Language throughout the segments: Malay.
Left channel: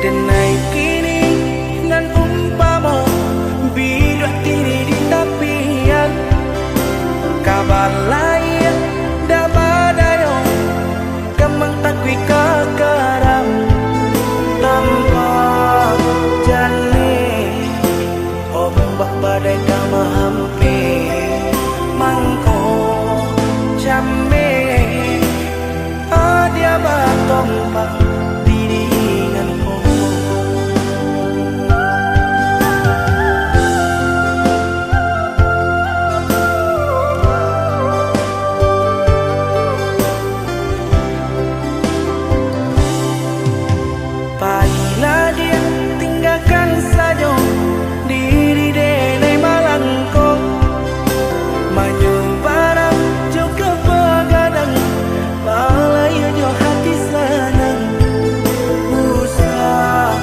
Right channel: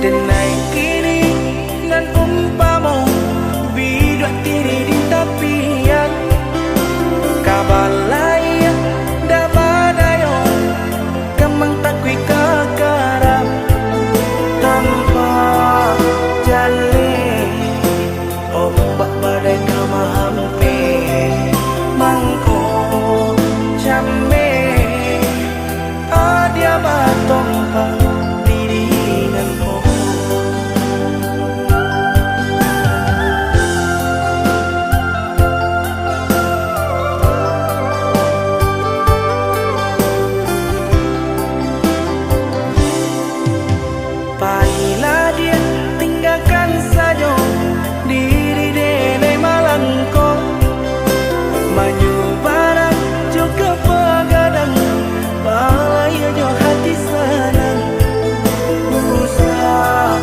Denai kini nan umpamo bidua tiri di tapian kabalai da badayo kamang takwi kakaram tanpa jale ombak badai kama hampe mangko chame adia batompang dirinan ko Pailah dia tinggalkan saja diri denai malangko manyu barang juga pagadang palaya jo hati senang usah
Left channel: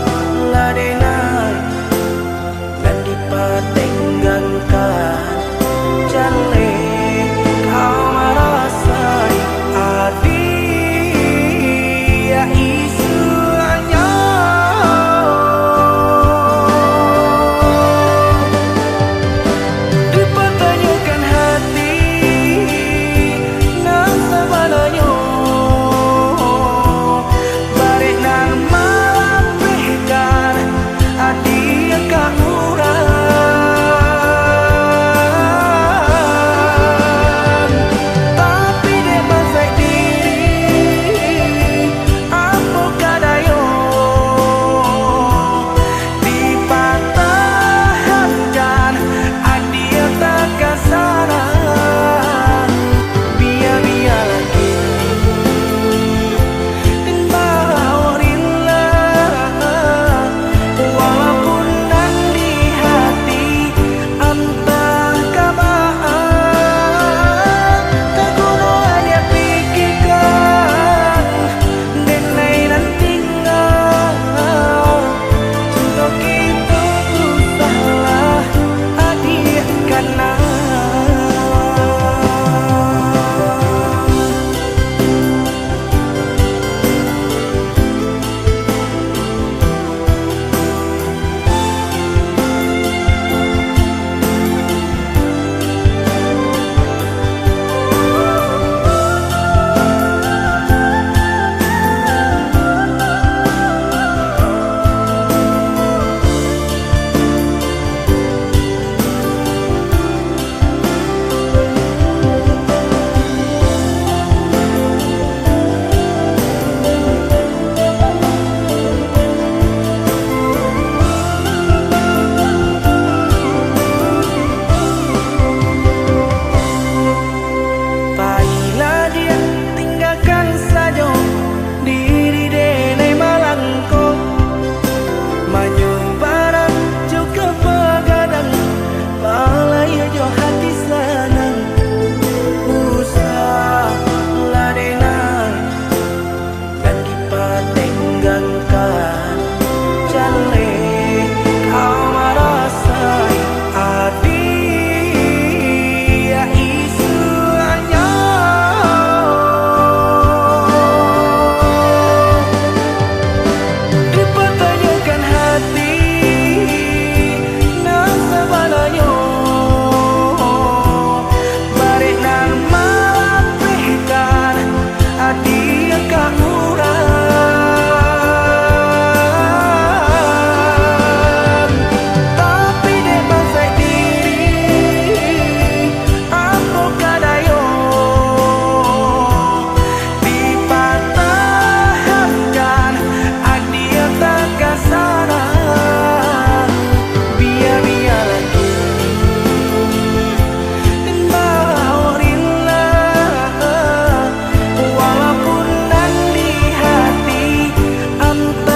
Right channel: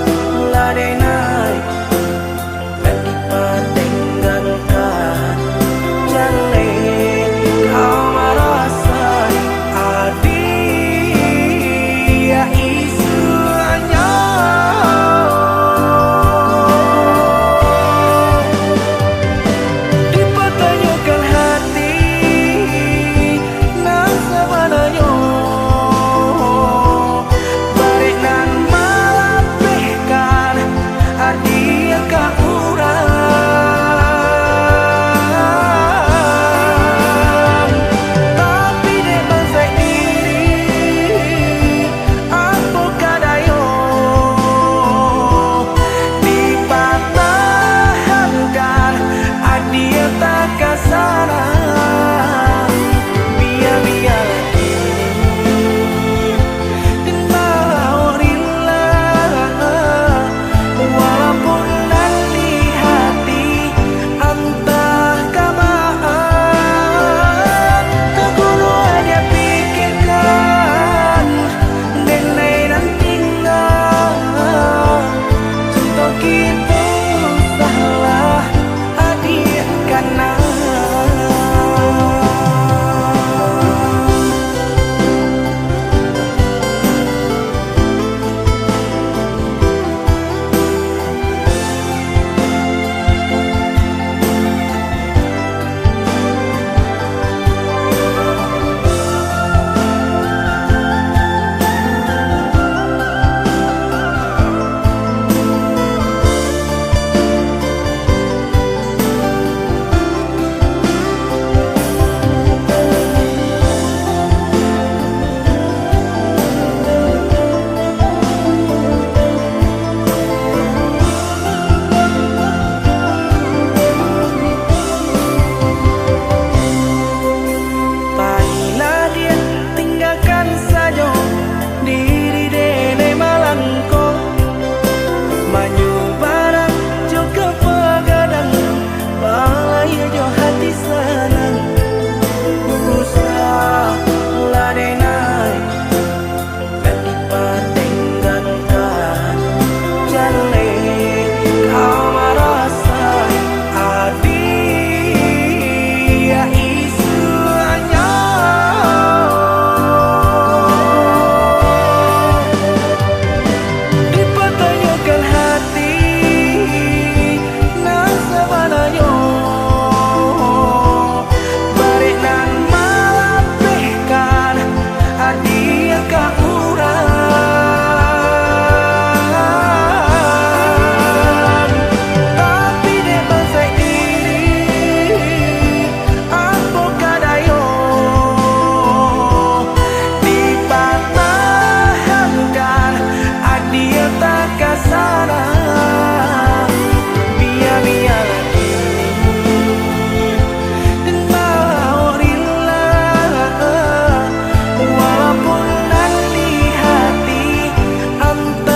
ladenai dan dipatenggangkan jale kau merasai adia isu anya dipertanyakan hati nang sabananya barek nan malapehkan adia ka urang tapi dek bansai diri apa kadayo dipatahankan adia tak kasarang biar-biarlah kini dan bawa rela walaupun nan di hati antah kabaan tak guna dia pikirkan denai nan tinggal cinta kita usahlah adik karena Pailah dia tinggalkan saja diri denai malangko manyu barang juga pagadang palaya jo hati senang usah ladenai dan dipatenggangkan jale kau merasai adia isu anya dipertanyakan hati nang sabananya barek nan malapehkan adia ka urang tapi dek bansai diri apa kadayo dipatahankan adia tak kasarang biar-biarlah kini dan bawa rela walaupun nan di hati antah